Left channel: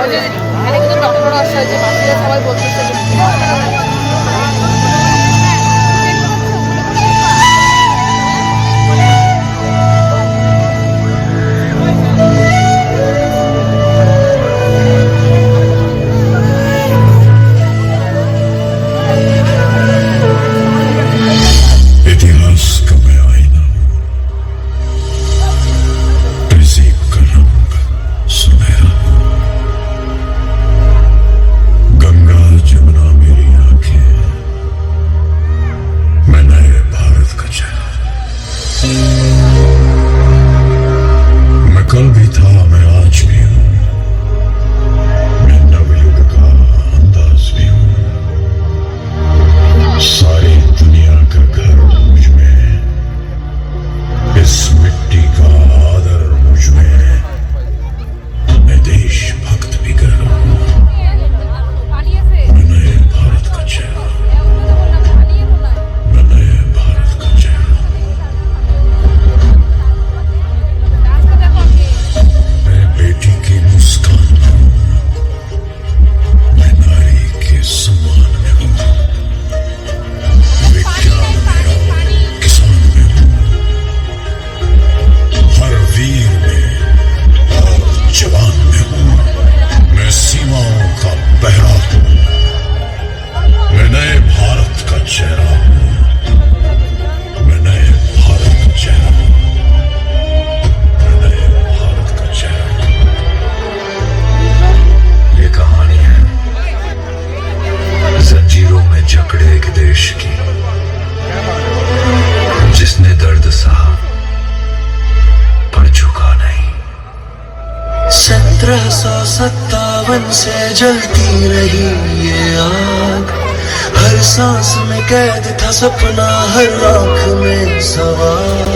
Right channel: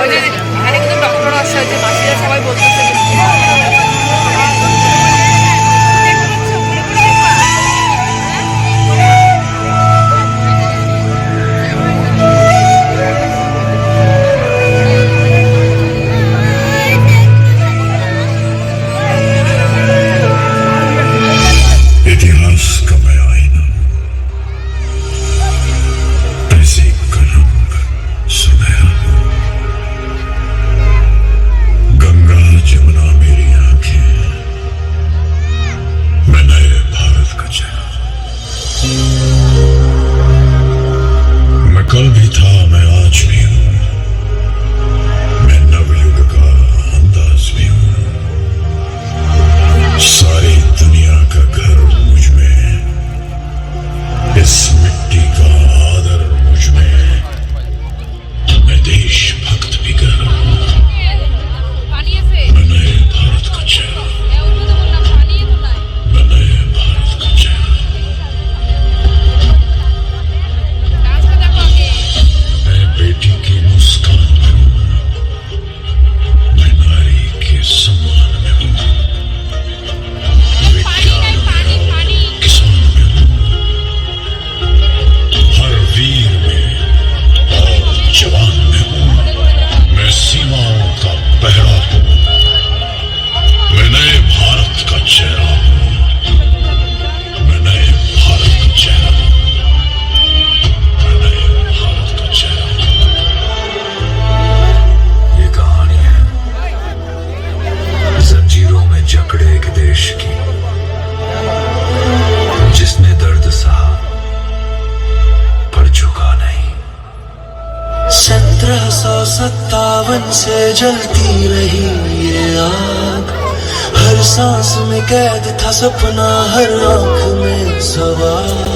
ওই যে এখানে কিন্তু ডক্টরও আসছে, ওই যে মাসিরা সবাই বলতেছে যে कल भी था, मैं आज भी हूं, मैं नवयुग का अंदाज भी हूं। सारी दुनिया का घर मुझ में, इस मिट्टी का आदर मुझ में, मैं देशभक्त भी कर रहा हूं। मैं नए भारत का चेहरा, मैं नए भारत का चेहरा। बेटी की मुस्कान में हूं, मैं नारी के सम्मान में हूं, विज्ञान में और किसान में हूं, हर वीर में और जवान में हूं, मैं सीमाओं का पहरा हूं, मैं नए भारत का चेहरा हूं, मैं नए भारत का चेहरा हूं, मैं नए भारत का चेहरा हूं। जंजीरों में जकड़े एक देश की, जिसने दर्द सहा पर झुका नहीं। 1757 से जलती रही ये आग, हर सांस में कैद था सपना, हर आंख में सवाल।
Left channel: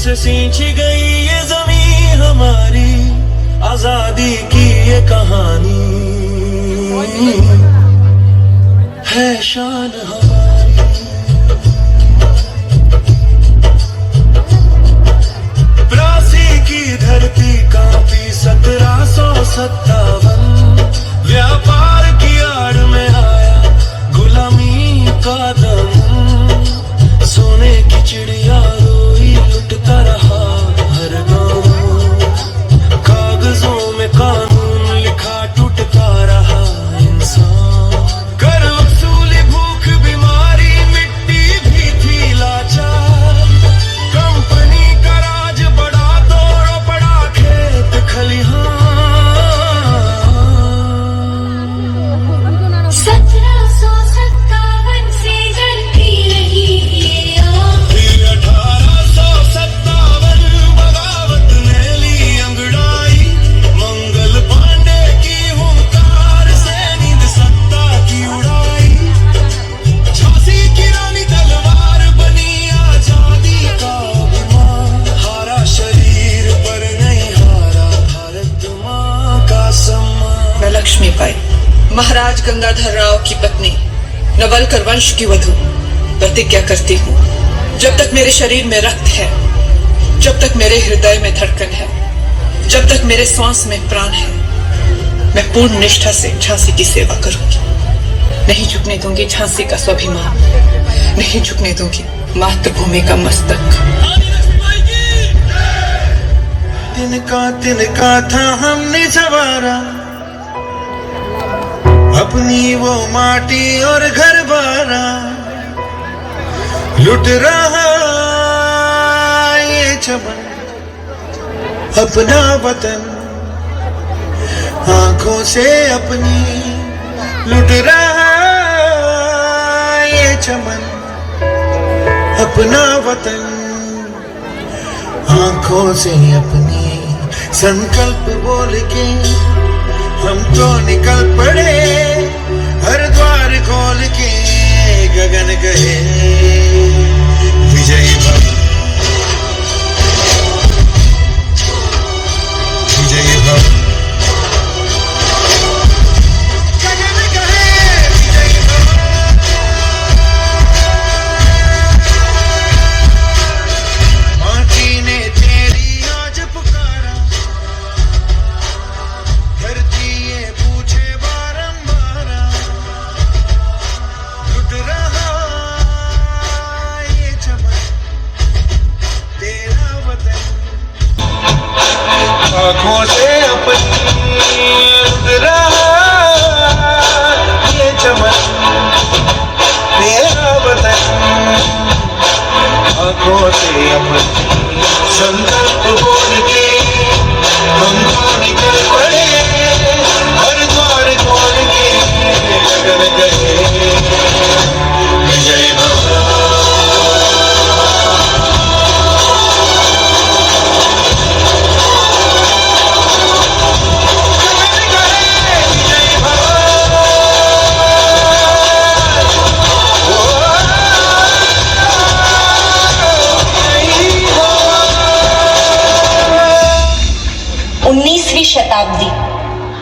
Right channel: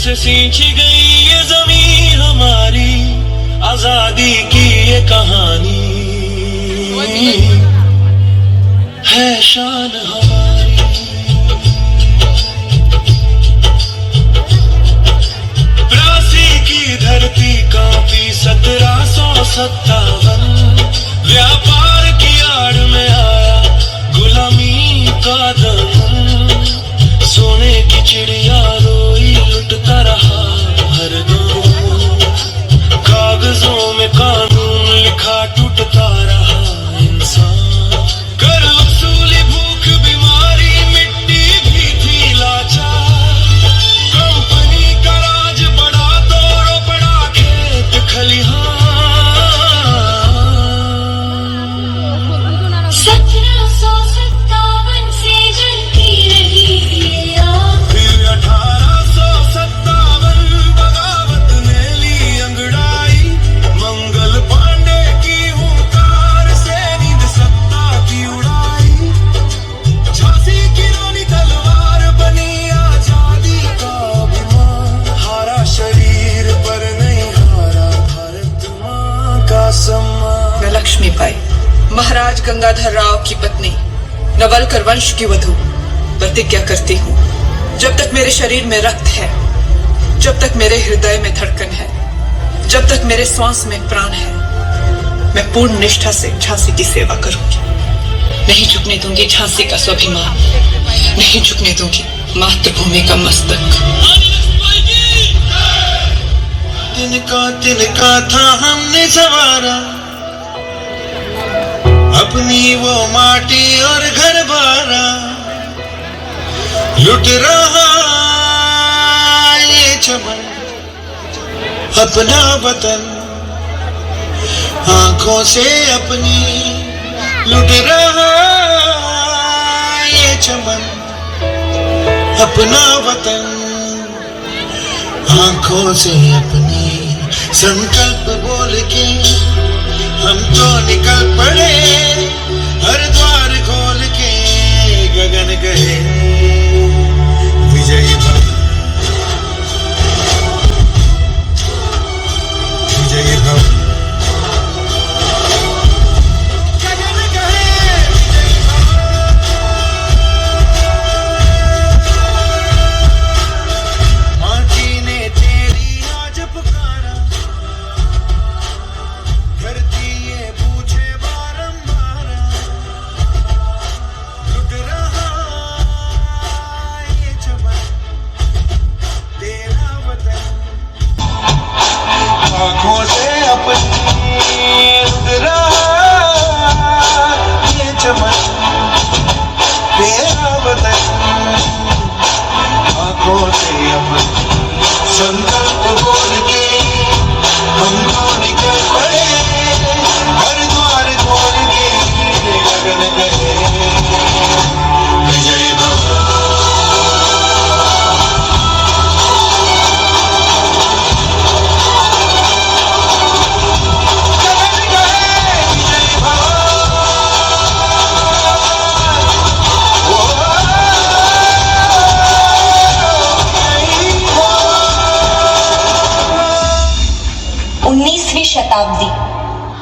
से सींची गई ये जमीन हमारी, आजादी की ये कहानी है शान हमारी। प्रासी की धरती कांपी 1757, व्यापार की आड़ में आया गुलामी का दम, सोने की चिड़िया रोई लुटता रहा हर गाँव, कागजों में कानून लिखा टूटता रहा इंसान, कर वसूली भूख बीमारी मिट्टी भी थी लाचार, कंपनी का राज बड़ा तोड़ पड़ा खेत खलिहान। 1757 से जलती रही ये आग, 1857 बगावत ने ली अंगड़ाई, मंगल पांडे की हुंकार से नींद सत्ता की उड़ाई, झांसी की रानी तलवार बनी आजादी का अभिमान, हारा शरीर पर नहीं हारा भारत माँ का सम्मान। मैं लक्ष्मी बाई, महाराज गंगाधर राव की पत्नी, नवलकर वंश की वधू, प्रतिज्ञा करती हूँ, जब तक मेरे शरीर में रक्त है, जब तक मेरे हृदय में धड़कन है, जब तक मेरे श्वास में प्राण है, मैं पूर्ण निष्ठा से झांसी की सेवा करूंगी। नहीं झुकने दूंगी झांसी का स्वाभिमान, नहीं झुकने दूंगी मातृभूमि का मस्तक। तिनका था हमने सवारा, अपनी वो माटी और घर बारा, लुट रहा ये चमन अपना वतन, आंखों से अपनी लुट रहा ये चमन अपना वतन, आंखों से अपनी संकल्प बोल के हम तो निकल पड़े, हर द्वार खोल के गगन कहे विजयी भव, विजयी भव, गगन कहे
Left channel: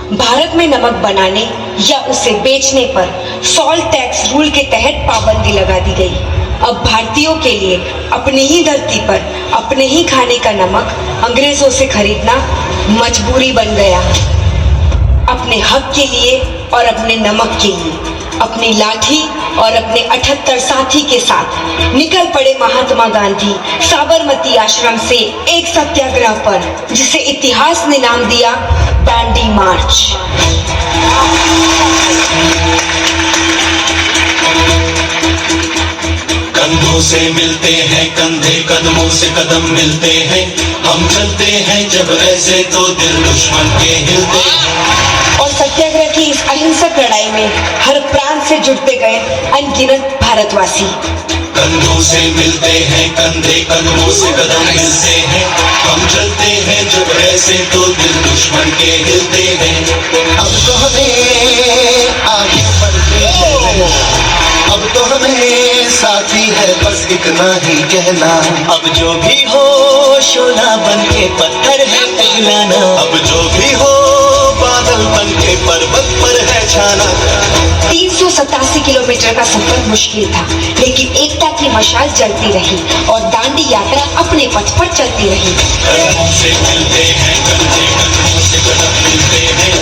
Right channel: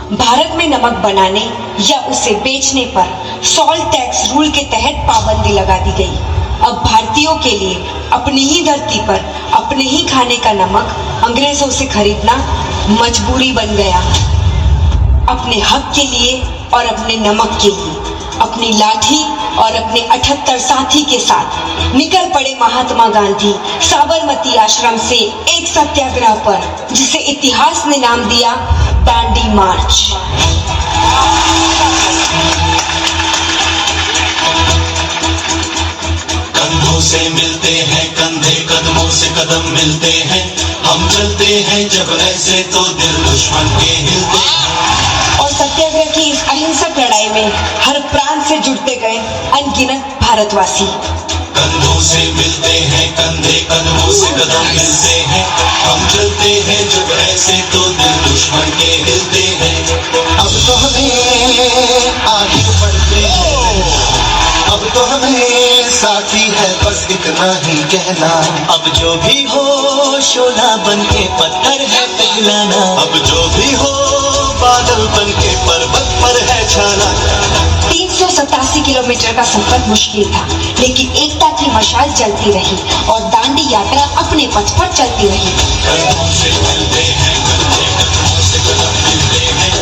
भारत में नमक बनाने या उसे बेचने पर सॉल्ट टैक्स रूल के तहत पाबंदी लगा दी गई। अब भारतीयों के लिए अपनी ही धरती पर अपने ही खाने का नमक अंग्रेजों से खरीदना मजबूरी बन गया। अपने हक के लिए और अपने नमक के लिए अपनी लाठी और अपने 78 साथी के साथ निकल पड़े महात्मा गांधी साबरमती आश्रम से एक सत्याग्रह पर, जिसे इतिहास ने नाम दिया दांडी मार्च। कंधों से मिलते हैं कंधे, कदमों से कदम मिलते हैं, हम चलते हैं जब ऐसे तो दिल दुश्मन के हिलते हैं। और सत्याग्रह की इस अहिंसक लड़ाई में हर प्रांत से जुड़ते गए अनगिनत भारतवासी। कंधों से मिलते हैं कंधे, कदमों से कदम मिलते हैं, हम चलते हैं जब ऐसे तो दिल दुश्मन के हिलते हैं। अब तो हमें आगे बढ़ते हैं, अब तो हमें साथी है बस इतना ही कहना। अब जो भी हो शोला बन के पत्थर है पिघलाना, अब जो भी हो बादल बन के पर्वत पर है छाना। 387 किलोमीटर का सफर मुश्किल था, लेकिन एकता की मशाल जलती रही और दांडी यात्रा अपने पथ पर चलती रही। कंधों से मिलते हैं कंधे, कदमों से कदम मिलते हैं,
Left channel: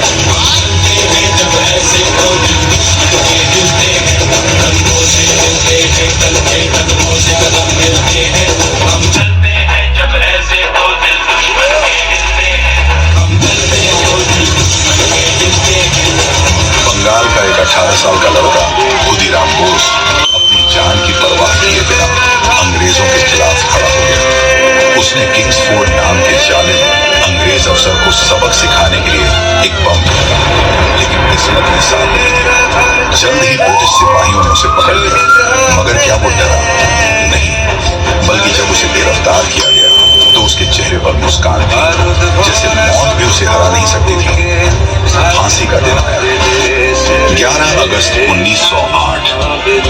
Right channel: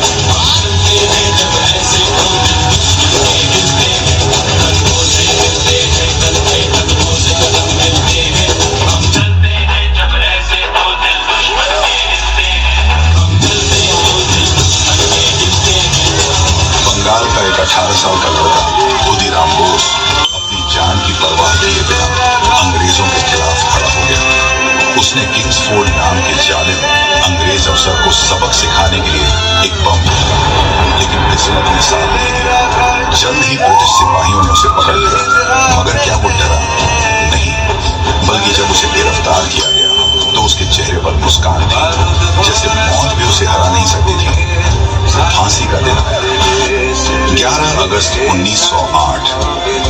चलते हैं जब ऐसे तो दिल दुश्मन के हिलते हैं। कंधों से मिलते हैं कंधे, कदमों से कदम मिलते हैं, हम चलते हैं जब ऐसे तो दिल दुश्मन के हिलते हैं, हम चलते हैं तो दिल दुश्मन के हिलते हैं। बंगाल का एक 18 साल का लड़का खुदीराम बोस अपनी जान की परवाह किए बिना अंग्रेजों के खिलाफ खड़ा हो गया। उसने किंग्सफोर्ड नाम के जालिम अंग्रेज अफसर को सबक सिखाने के लिए एक बम फेंका, लेकिन किस्मत ने साथ नहीं दिया। जल्द ही ब्रिटिश सिपाहियों ने उसे पकड़ लिया, मगर क्या वो डरा नहीं, बल्कि जब उसे गिरफ्तार किया गया तो उसके चेहरे पर मुस्कान थी, जैसे मौत भी उसे हरा नहीं सकती थी। फांसी का दिन आया। 11 अगस्त 1908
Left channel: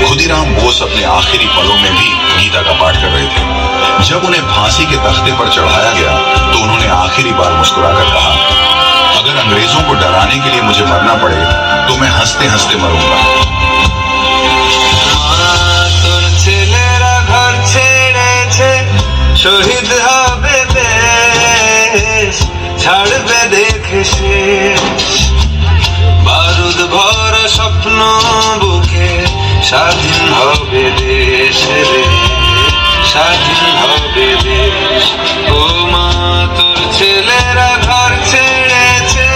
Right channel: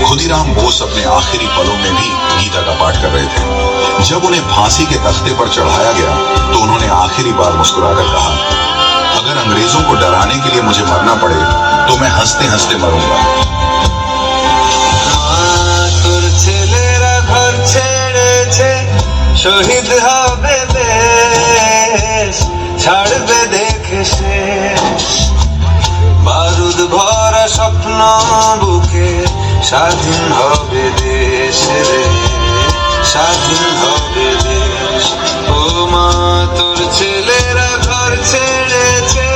खुदीराम बोस अपने आखिरी पलों में भी गीता का पाठ कर रहे थे। जब उन्हें फांसी के तख्ते पर चढ़ाया गया तो उन्होंने आखिरी बार मुस्कुराकर कहा, अगर अंग्रेजों को डराने के लिए मुझे मरना पड़े तो मैं हंसते हंसते मरूंगा। তোর ছেলেরা ঘর ছেড়েছে, শহীদ হবে বেশ, ছাড়বে দেখে শেষ। বারুদ ভরা স্বপ্ন বুকে, স্বাধীন হবে দেশ রে, স্বাধীন হবে দেশ। ও মা তোর ছেলেরা ঘর ছেড়েছে,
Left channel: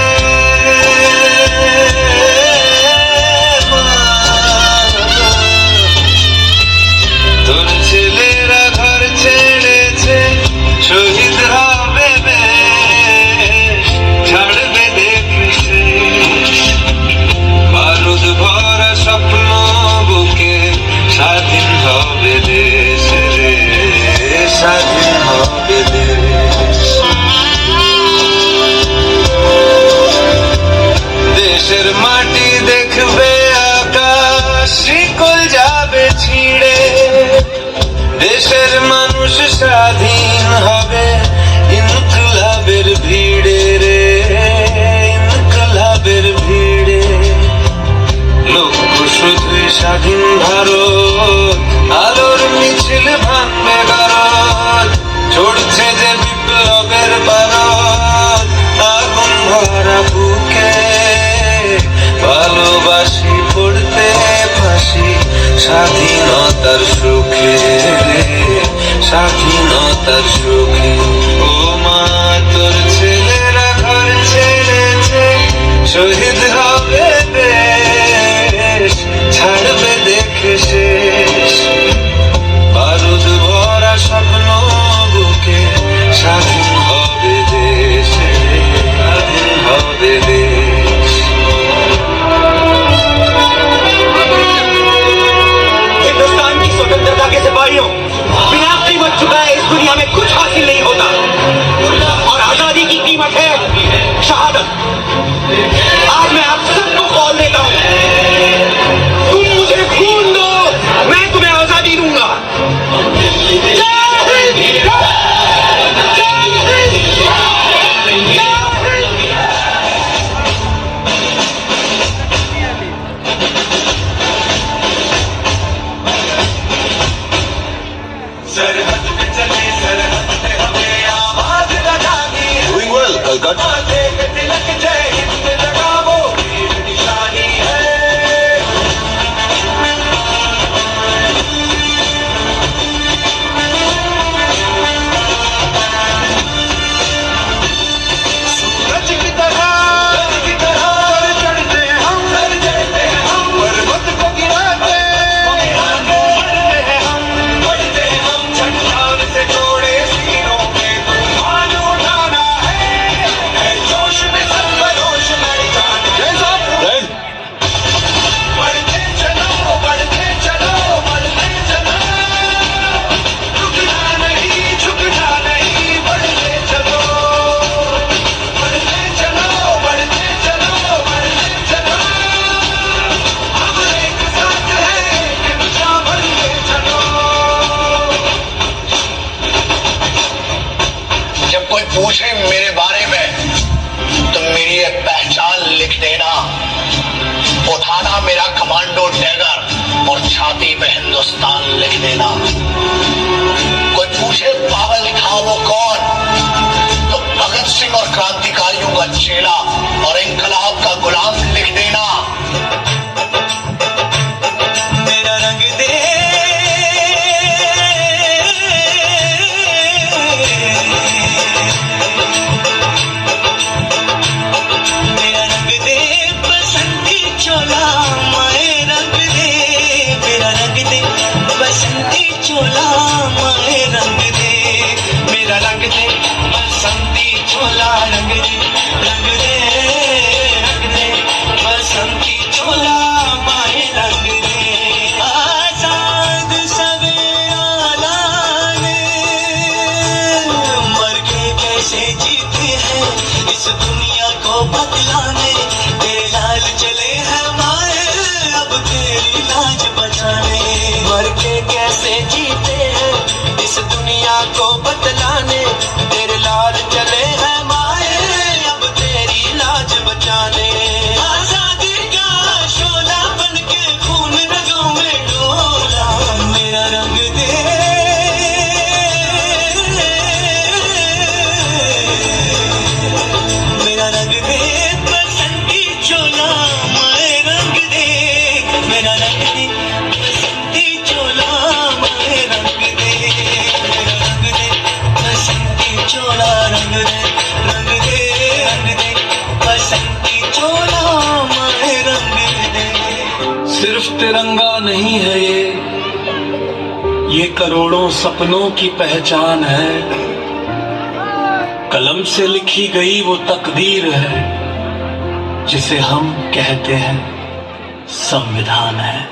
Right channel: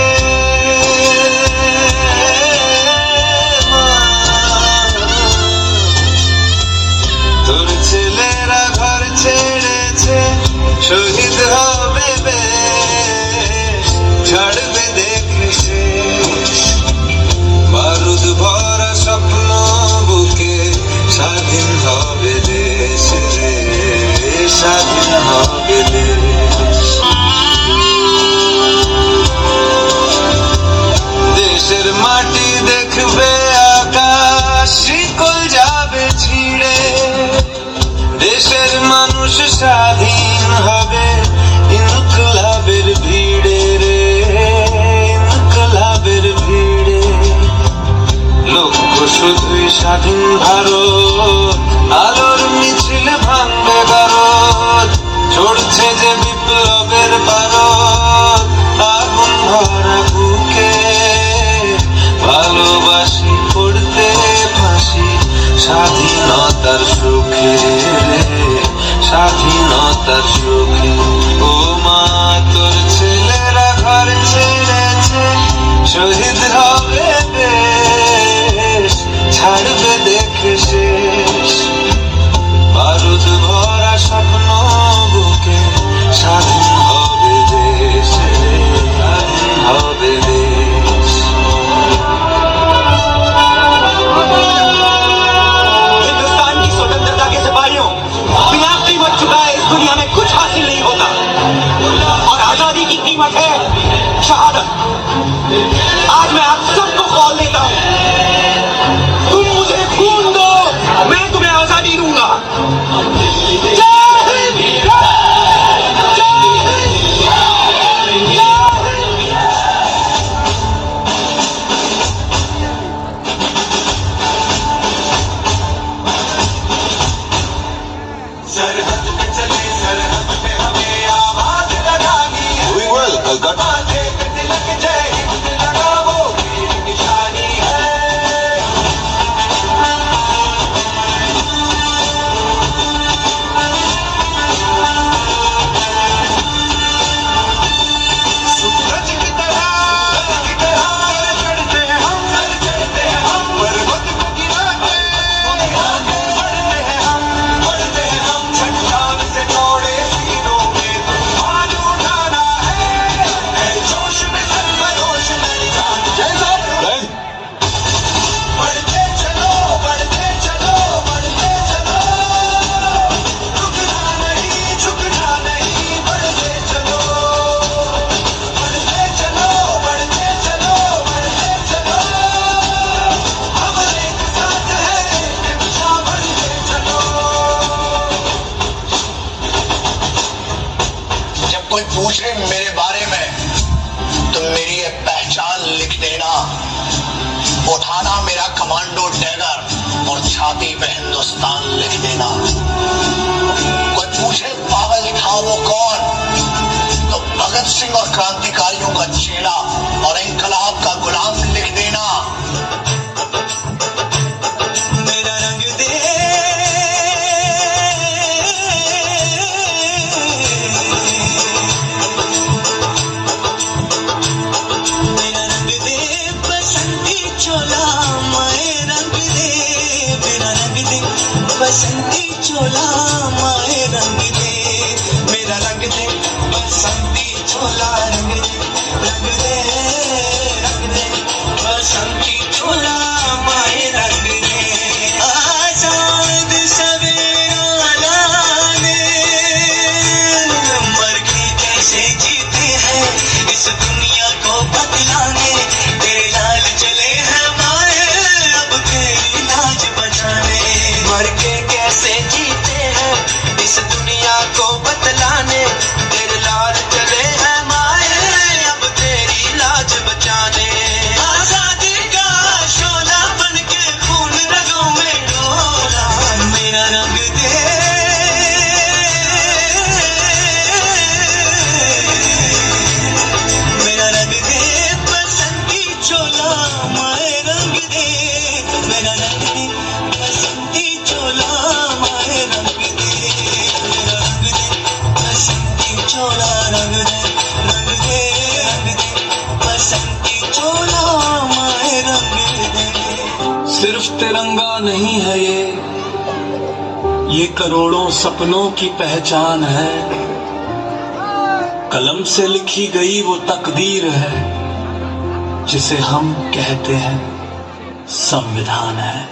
তোর ছেলেরা ঘর ছেড়েছে, শহীদ হবে বেশ, ছাড়বে দেখে শেষ। বারুদ ভরা স্বপ্ন বুকে, স্বাধীন হবে দেশ রে, স্বাধীন হবে দেশ। দেশের মাটি দেখবে আকাশ, শিকল যাবে ছিঁড়ে, দেশের মানুষ স্বাধীন হবে ইনকলাবের ভিড়ে রে, ইনকলাবের ভিড়ে। লক্ষ্য শুধুই স্বাধীন ভারত, আলোর মিছিল ভাঙবে ভারত, চড়ছে যে বিপ্লবের বারত, আগুন ভরা বুকে ভালোবাসি পড়তে ফাঁসি, স্বাধীনতার সুখে রে, স্বাধীনতার সুখে। ও মা তোর ছেলেরা ঘর ছেড়েছে, শহীদ হবে বেশ, ছাড়বে দেখে শেষ। বারুদ ভরা স্বপ্ন বুকে, স্বাধীন হবে দেশ রে, স্বাধীন হবে দেশ। हिंदुस्तान की स्वतंत्रता के सिपाहियों, बिना कीमत चुकाए इस दुनिया में कुछ हासिल नहीं होता, और आजादी की कीमत है शहादत। आज मैं आप नहीं है ये करोड़ों सपनों की पहचान है। कलम से लिखी गई वो तकदीर है जिसे हम कहते हैं संविधान है।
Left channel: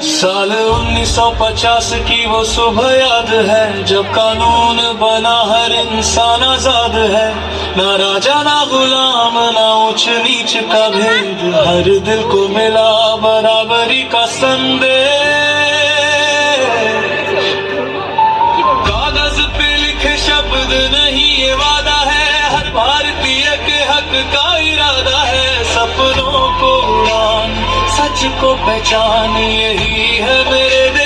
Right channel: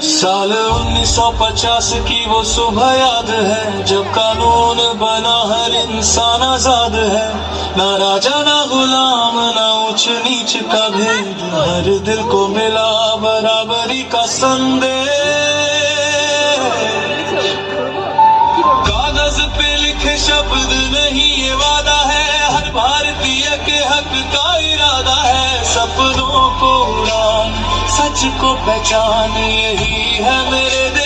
साल 1950 की वो सुबह याद है जब कानून बना, हर इंसान आजाद है। ना राजा ना गुलाम ना ऊंच नीच का भेद, हर दिल को मिला बराबरी का संदेश। कागज पे लिखे शब्द नहीं ये वादा है, हर भारतीय के हक का इरादा है। सपनों को उड़ान, सच को पहचान, यही है मेरे